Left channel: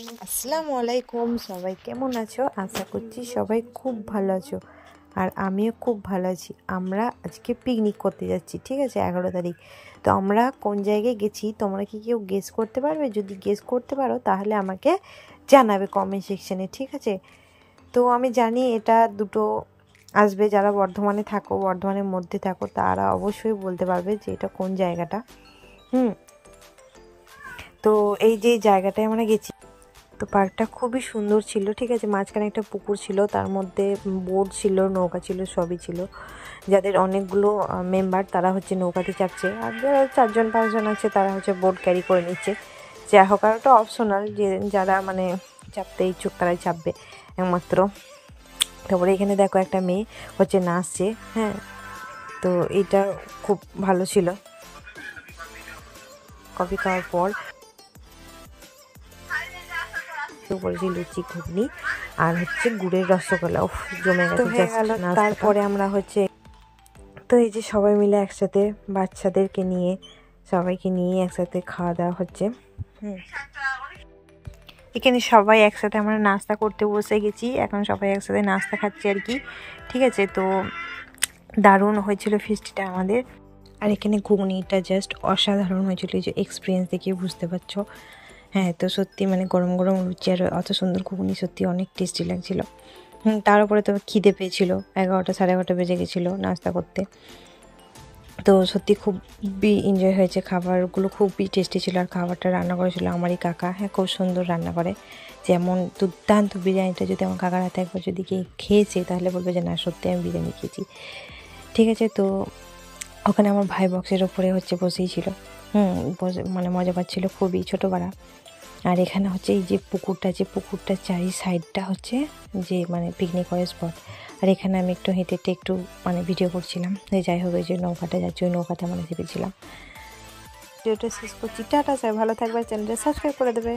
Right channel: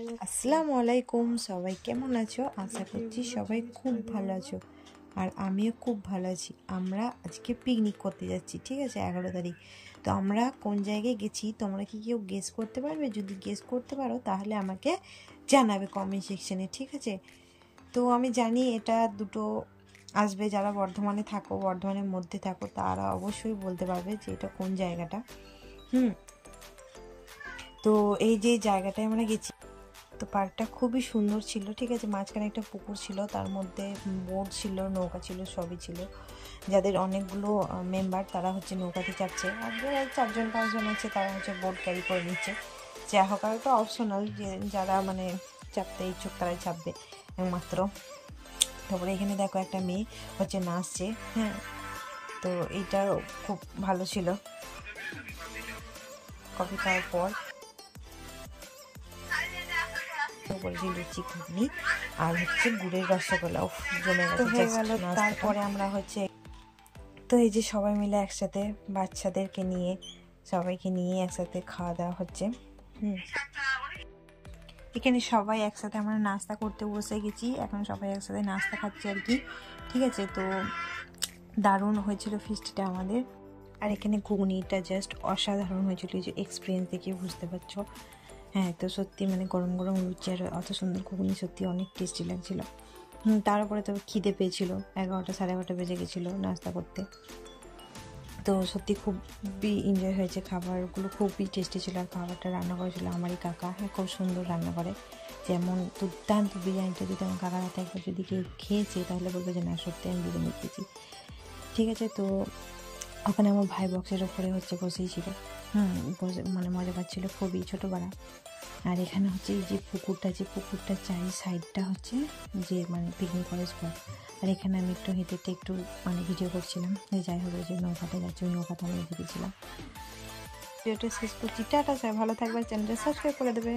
আসসালামু আলাইকুম, সবাই কেমন আছো? আশা করছি সবাই খুব ভালো আছো, আর আমিও খুব ভালো আছি। আমরা আজকে পিকনিক করতে যাচ্ছি, ঠিক আছে, 11 তারিখ। তো আমরা কোন জায়গায় গেছি তোমরা কি কেউ গেস করতে পারবে? যদি গেস করতে পারো তাহলে আমাকে জানাবে কমেন্ট সেকশনে, ঠিক আছে। তো আমি জানি এটা দুটো আসবে, যারা বর্ধমানে থাকো, বর্ধমানের মধ্যে থাকো, তারা অবশ্যই বলতে পারবে যে এটা কোন জায়গাটা। তো এই যে জায়গাটায় আমরা গেছি, তো পার্কটা খুবই সুন্দর ছিল, ঠিক আছে। মাঝখানে একটা পুকুর ছিল, তার মধ্যে বোট ছিল, নৌকা ছিল, সবই ছিল। যাদের অনেকগুলো মেম্বার তারা হচ্ছে নৌকাতে চাপছে, আর যারা 4-5 জন আছে তারা হচ্ছে বোট ক্যারি করে নিচ্ছে। যা হোক, আর ওটা অপশনাল, যে যারা মানে চাপতে ইচ্ছুক তারাই চাপবে একমাত্র। তারপরে এখানে দেখো একটা মেয়ে হচ্ছে নাচছে, হ্যাঁ। তো এটা খুব ভালো ছিল। কফি খাওয়ার পর করেছি লুচি, ঘুগনি আর হচ্ছে গুড়ের রসগোল্লা, জমে গেল। তারপরে আমরা হচ্ছে, তো এই যে সবাই মিলে একসাথে বাচ্চাদেরকে নিয়ে সবাইকে নিয়ে একসাথে খাওয়া দাওয়া হচ্ছে। এখানে সবাই একসাথে আমরা নাস্তা করতে বসে গেছি, এখন সবাই একসাথে নাস্তা খাচ্ছি আর কি, ঠিক আছে। তো দারুণ হয়েছিল ফিস্টিটা আমাদের, আর এখানে ঘুগনিটা জাস্ট অসাধারণ হয়েছিল, যে এক্সপিরিয়েন্স দেখে বুঝতে পারছো। হ্যাঁ, তো সত্যি মানে গরম গরম লুচি আর অত সুন্দর ঘুগনি সত্যি অনেক টেস্টি লাগছিলো। তার উপরে তো খিদে পেয়েছিল, 11টা 11:30 বেজে গেছিলো নাস্তা করতে। তো সত্যি খুবই এনজয় হয়েছে, খাবারগুলো খুবই টেস্টি ছিল। আর খাবারটা রান্না করেছিল আমারই কাকা, হ্যাঁ, খুব সুন্দর রান্না করে। যেমন দুর্দান্ত বিরিয়ানিটা যদি আমার কাকার হাতে একবার যদি খেয়েছে তাহলে বলবে যে না, সত্যি আমি বিরিয়ানি খেয়েছি, ঠিক আছে। তো ওখানে আমার ভাই বক্সের ওপরে হচ্ছে বসেই ছিল, মানে মজা পাচ্ছিল খুবই, ছোটোবেলা। আর এখানে হচ্ছে এই যে পুকুরটা চারি সাইডটা হচ্ছে যে মানে পিকনিক করার স্পট। আর এখানে আমি একটু হেঁটে একটু মানে ভিডিও করছিলাম। যাই হোক, এই যে নৌকাটা যাচ্ছে, ওই নৌকাতে আমরা চেপেছিলাম। ভিডিওটা শেষ করছি, টাটা, ভালো থাকবে, চ্যানেলটা সাবস্ক্রাইব করে দেবে।